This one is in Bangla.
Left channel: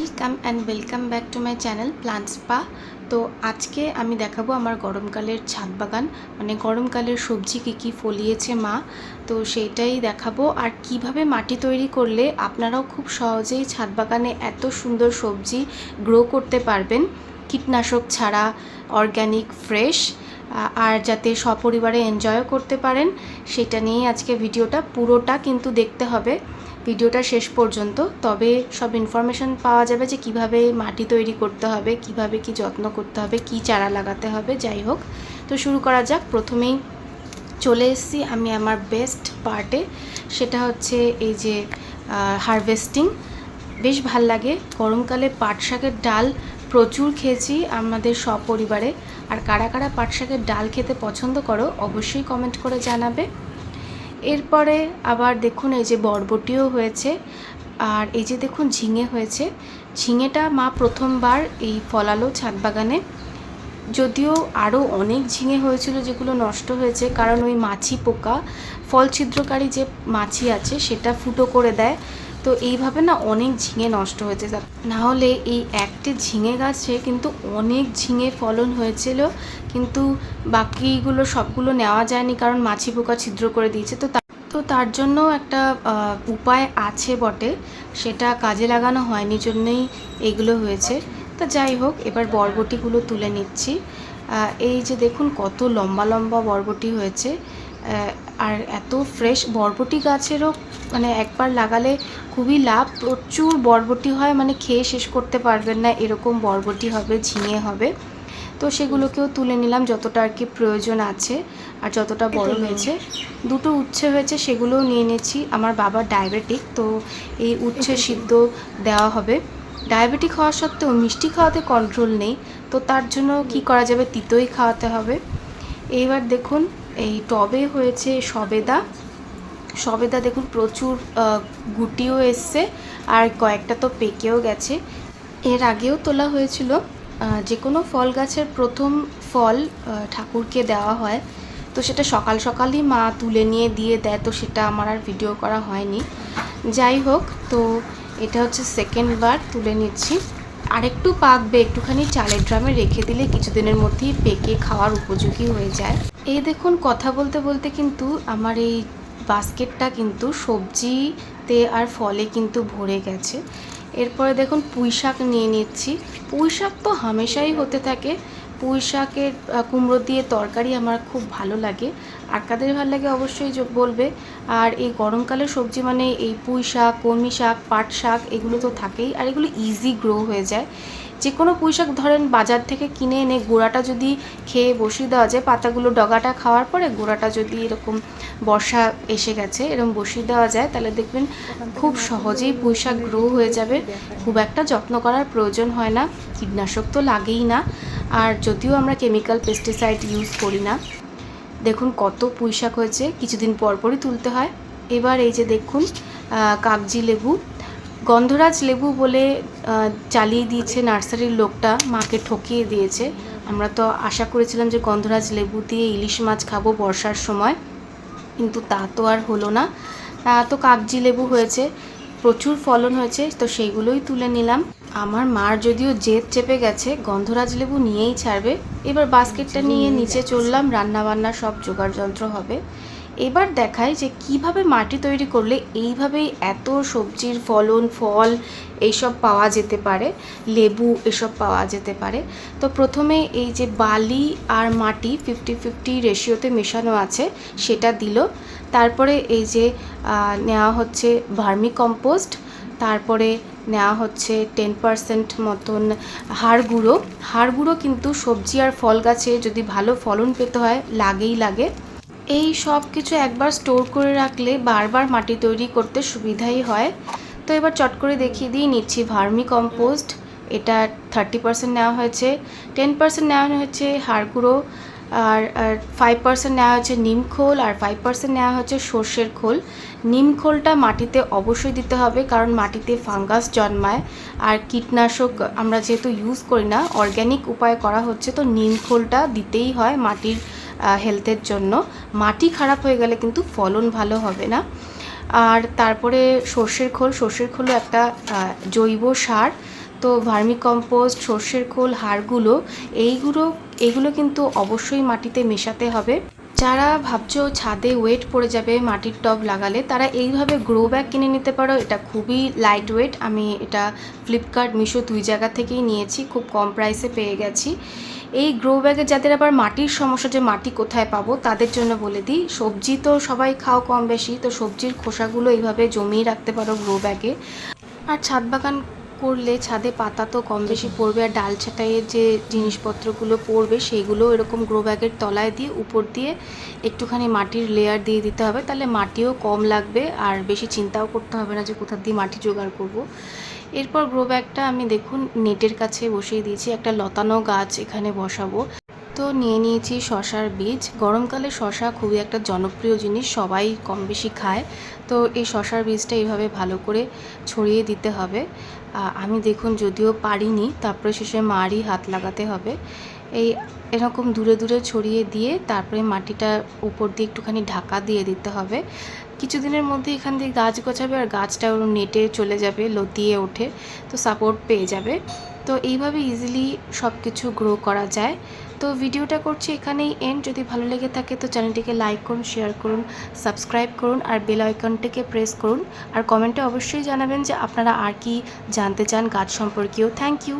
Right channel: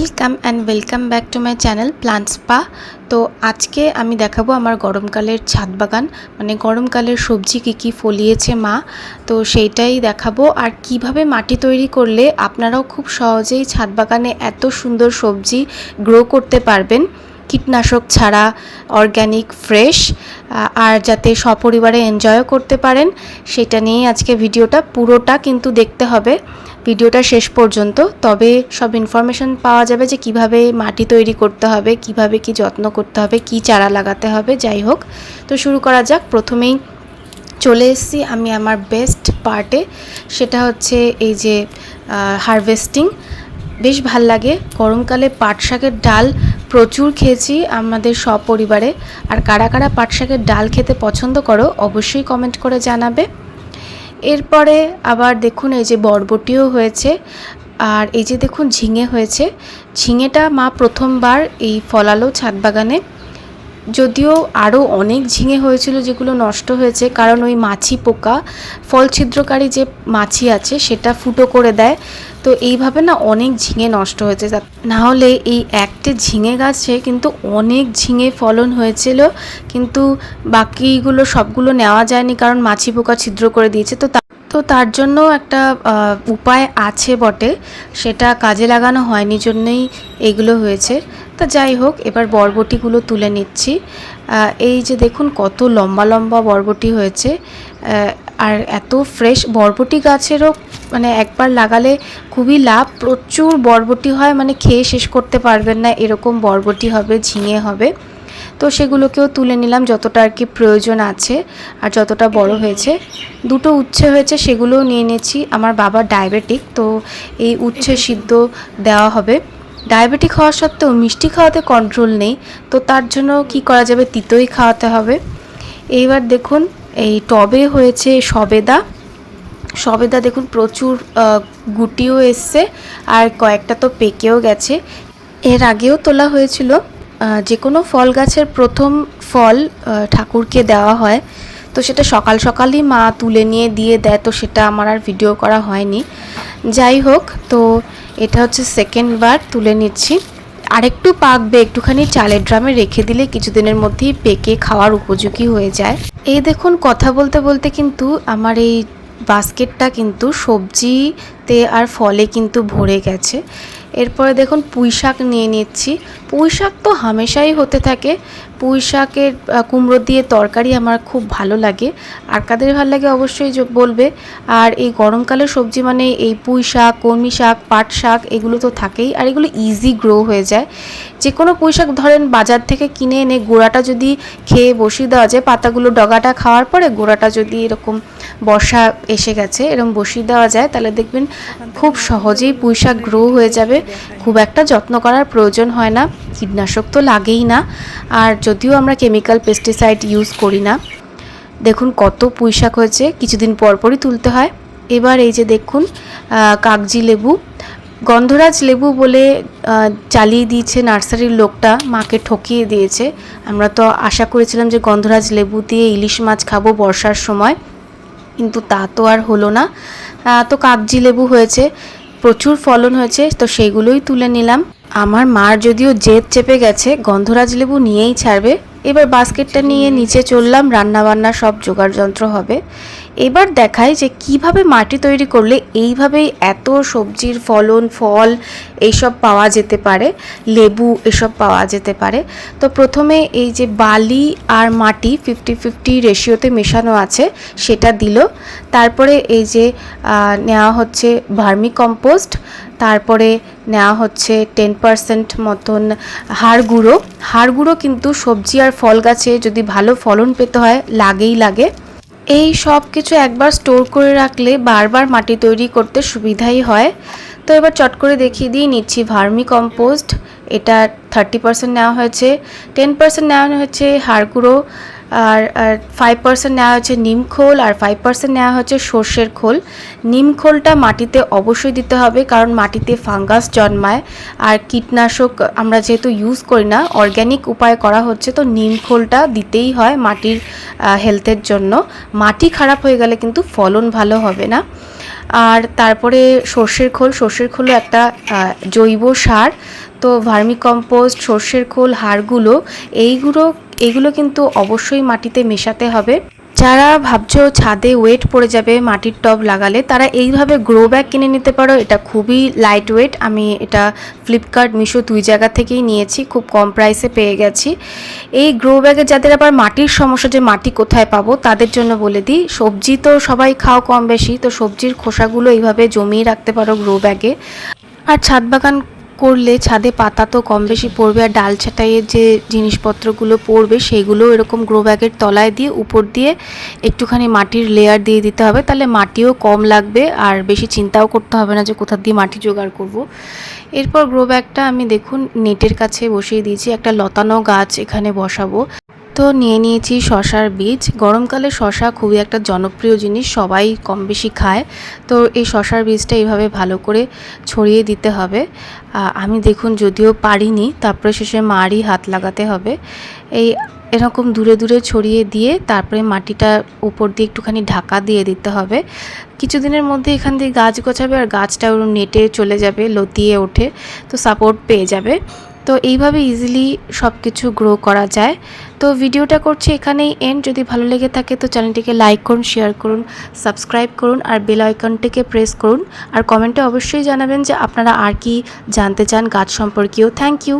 Welcome and welcome back to my channel plant spa. তো আজকে আমি দেখাবো আমার গরমকালের ছাদ বাগান মানে গরমকালের সবজি কী কী ফলিয়েছে মা, তো সেইটাই দেখাবো। আর কীভাবে মাটি তৈরি করলে আপনারাও খুব সহজেই ছাদ বাগানে এত সুন্দর সবজি গ্রো করতে পারবেন। কীটনাশক ছাড়া অর্গ্যানিক ফ্রেশ আর যাতে সপরিবারে এনজয়ও করতে পারেন, সেটা নিয়েই আজকে ভিডিওটা। পুরোটা কিন্তু দেখতে হবে। ভিডিওটা শেষ পর্যন্ত। তবে সব ইনফরমেশন পাওয়া যাবে যে কীভাবে মাটি তৈরি করতে হবে, কীভাবে কি যত্ন করতে হবে, কি চারা লাগাতে হবে, যাই হোক। তো শুরু করা যাক। প্রথমেই চলে এসেছি আমি আমার বেস্ট পার্টে সেটা হচ্ছে এই যে হারভেস্টিং বেশ ভালো লাগে। গরমকালে পাট শাকের ডাল প্রচুর খেয়েছি আমাদের সপরিবারে আর কারা কারা পাট শাকের ডাল খেতে পছন্দ করো, অবশ্যই কমেন্ট করে জানাবে। এরপরে আবার দেখুন এই যে বরবটিও হয়েছে, আর এই যে দেখুন ঝিঙে হয়েছে। ঝিঙেটা মা প্রথমবার এই ফলালো ছাদ বাগানে। যদিও আরও অনেক ঝিঙে হয়েছিল যেগুলো নষ্ট হয়েছে, কারণ ওই মাছি পোকা ফল ছিদ্রকারী যে মাছি আছে সেটা ফুটো করে দেয়। তো এইভাবে না অনেক ঝিঙে নষ্ট হয়েছে। না হলে এই একটি ঝিঙে গাছে কিন্তু অনেক ঝিঙে ফলন হয়েছিল, কিন্তু বাকিগুলো সবগুলো নেওয়া যায়নি কারণ মাছি পোকা ছিদ্র করে দিয়েছে। তো তো তার জন্য একটা উপায় আছে বটে, সেটা কাজে লাগানো হয়নি জন্যই এগুলো হয়েছে। তা যাই হোক এবার বরবটিগুলো তুলে নিচ্ছি। এই যে দেখুন কত লম্বা লম্বা বরবটি হয়েছে। আর এত ফ্রেশ বরবটি গাছেরও মানে একবার লাগালে খুবই লাভ। প্রচুর বরবটি হয় মানে খেয়ে শেষ করতে পারবেন না এরকম বরবটি হবে ঝিঙে হবে। তো সেগুলোকেও তুলে নিলাম যতটা আর কি প্রয়োজন আছে আর যতটা বড় হয়েছে। দুটো উচ্ছে হয়েছে সেগুলোও নিয়ে নিয়েছি। আমার বাবা ডায়াবেটিক তো এই উচ্ছে সিদ্ধ দেওয়া হবে। ডায়াবেটিক হওয়া সত্ত্বেও মিষ্টি খাওয়াতে কন্ট্রোল নেই, তো তার জন্য কি করা যাবে? তিতোই খাওয়াতে হবে। এইবার দেখুন, এই টবে হয়েছে সবেদা। সবেদা দেখুন, প্রচুর গুটিও এসছে, আর কয়েকটা তো পেকেও গেছে। এর আগেও তোলা হয়েছিল যে কোনো ফল গাছের প্রথম ফল ঠাকুরকে দেওয়া হয়। তো সেটা সকাল সকালই মা তুলে নিয়ে দিয়ে দেয়, তো সেটা আমার আর ভিডিও করা হয়নি। যাই হোক, তো এটা হচ্ছে সেকেন্ড বার তুলে নিচ্ছি। আরেকটু পাকবে, একটুখানি চালের ড্রামে রেখে দিলে কিছুদিনের মধ্যেই পেকে খাওয়ার উপযোগী হয়ে যায়। এই দেখুন, কথা বলতে বলতে কিন্তু আমার এই বাস্কেটটা কিন্তু সবজিতে আর ফলে কিন্তু ভরে গেছে। এরপরে দেখুন পুঁই শাক নিয়ে নিচ্ছি। পুঁই শাক তো হামেশাই হতে থাকে পুঁই শাকের কুমড়ো দিয়ে তরকারি আমার খুব ভালো লাগে। আর কাদের ভালো লাগে অবশ্যই বলবে। আর এই গরমকালে সবজি মানে এই পুঁই শাক কলমি শাক পাট শাক এগুলো তো থাকেই। আর এগুলো ইজি গ্রো হয়ে যায়। যে কোনো পুঁই শাক ধরেন বাজার থেকে কিনে এনে গোড়াটা যদি খেয়ে বসিয়ে দেওয়া যায়, পাতাগুলো ডগাটা খাওয়ার পরে গোড়াটা যদি এরকম বর্ষা এসে গেছে এরকম বসিয়ে দেওয়া যায়, তাহলে দেখবেন খুব সহজেই পুঁই শাক গ্রো হয়ে যাবে। খুব একটা যত্ন করার প্রয়োজন হয় না। কীটনাশক তো লাগেই না। আর যদিও আমরা কেমিক্যাল পেস্টিসাইড ইউজ করি না। দেখুন কত পুঁইশাক হয়েছে, কিছুদিন পরপরই তুলতে হয়। এবার এই যে দেখুন কাগজি লেবু। গন্ধরাজ লেবু বলে চালিয়ে দিয়েছে নার্সারির লোকটা, মাকে ঠকিয়ে দিয়েছে। আমরা তো আশা করেছিলাম যে গন্ধরাজ লেবু দিয়ে ইলিশ মাছ খাব বর্ষার সময়, কিন্তু তা তো আর হলো না। তো কাগজি লেবু হয়েছে, প্রচুর ফলন হয়েছে, তো সেইগুলোই তুলে নিলাম। আমার মার যদিও জেদ চেপে গেছে, গন্ধরাজ লেবু নিয়েই ছাড়বে। এবার বাস্কেটটা নিয়ে নিচে চললাম রান্না বান্না সব জোগাড় যন্ত্র হবে। এবার দেখায় যে কীভাবে মাটি তৈরি করলে এইভাবেই এত সবজির ফলন, ফল এইসব পাওয়া যেতে পারে, লেবু এসব পাওয়া যেতে পারে। তো প্রথমে এই যে বালি আর মাটি ফিফটি ফিফটি রেশিওতে মেশানো আছে, সেটা দিল। তারপরে এই যে নেওয়া হচ্ছে ভার্মি কম্পোস্ট তারপরে নেওয়া হচ্ছে টেন পারসেন্ট মতন হাড় গুঁড়ো। হাড় গুঁড়ো কিন্তু সবজি আর ফল গাছে যদি ভালো ফলন পেতে হয়, লাগেই লাগে। এই সব কিছু একবার স্টোর করে রাখলে বারবার মাটি তৈরি করতে সুবিধাই হয়। তো এবার চট করে দেখিয়ে দিয়ে নিচ্ছি ভার্মি কম্পোস্ট এটা থার্টি পার্সেন্ট নেওয়া হয়েছে টেন পার্সেন্ট নেওয়া হয়েছে হাড় আর ফাইভ পার্সেন্ট নেওয়া হচ্ছে নিম খোল, আর ফাইভ পার্সেন্ট নেওয়া হচ্ছে সর্ষের খোল। নিম খোলটা মাটিতে অবশ্যই দিতে হবে, কারণ মাটিতে ফাঙ্গাস জন্মায়, আর কীটনাশক আমরা যেহেতু ইউজ করি না অর্গ্যানিক উপায় করা হচ্ছে, তো নিম খোলটা দিতেই হয় মাটির হেলথের জন্য। মাটি খারাপ হয়ে গেলে কিন্তু ফলন ভালো হবে না। আর তারপরে সর্ষের খোল, সর্ষের খোলও একটা জৈব সার। তো ভার্মি কম্পোস্ট সর্ষের খোল, হাড়গুলো, এইগুলো, এগুলো কিন্তু অবশ্যই মাটিতে মেশাতে হবে। যারা ভাবছ ছাদে ওয়েট পড়ে যাবে, মাটির টব লাগালে, তারা এইভাবে গ্রো ব্যাগ কিনে নিতে পারো। এটা খুবই লাইট ওয়েট আমি এটা ফ্লিপকার্ট মিশো দুই জায়গা থেকেই নিয়েছি। খুব কম প্রাইসে পেয়ে গেছি। এই গ্রো ব্যাগে যাদের আবার মাটির সমস্যা যে মাটি কোথায় পাবো, তাদের জন্য বলে দিই, সবজি তো সবাই খাও কম বেশি, তো সবজির খোসাগুলো এইভাবে জমিয়ে রাখতে পারো গ্রো ব্যাগে আর ছাদ বাগান করলে ছাদে পাতা তো কম বেশি পড়বে আর ডাল ছাটাইয়ের যে জিনিসপত্রগুলো পড়বে সেগুলো এরকম গ্রো ব্যাগের তলায় দিয়ে উপর দিয়ে একটুখানি মাটির লেয়ার দিয়ে দিতে হবে। তাহলে মাটিও কম লাগবে আর বেশি চিন্তাও করতে হবে না যে কোথা দিয়ে মাটি জোগাড় করব। এরপর গ্রো ব্যাগটা আমি দেখুন নেটের কাছে বসিয়ে দিয়েছি। একটা লতানো গাছ এখানে বসাবো। তো নিয়ে নিয়েছি শশার বীজ। গরমকালে শশা খুবই একটা জনপ্রিয় জিনিস, সবাই কম বেশি খায়। তো এই শশার বীজটা এইভাবে ভালো করে ছড়িয়ে দিতে হবে। আমি দেখুন যদিও পারিনি, তারপরে শেষে মারই হাত লাগাতে হবে। এই এরকম দূরে দূরে ছড়িয়ে দিয়ে তারপরে মাটিটা উপর দিয়ে একটুখানি ঢাকা দিয়ে দিতে হবে। কিছুদিনের মধ্যে এখান দিয়ে গাছ গোছাবে আর গাছটা ওর নেটে চলে যাবে, লতিয়ে ওঠে, তো সাপোর্ট পেয়ে যাবে। তো এইভাবে ইজিলি সব কিছু গ্রো করা যায়। তো ভিডিওটা করছি এখানেই এন্ড যদি ভালো লেগে থাকে তো চ্যানেলটিকে লাইক করুন শেয়ার করুন সাবস্ক্রাইব করুন আর বেল আইকনটিকে প্রেস করুন। আর কমেন্টে অবশ্যই জানাবেন যে আপনারা আর কি জানতে চান গাছ সম্পর্কেও থ্যাংক ইউ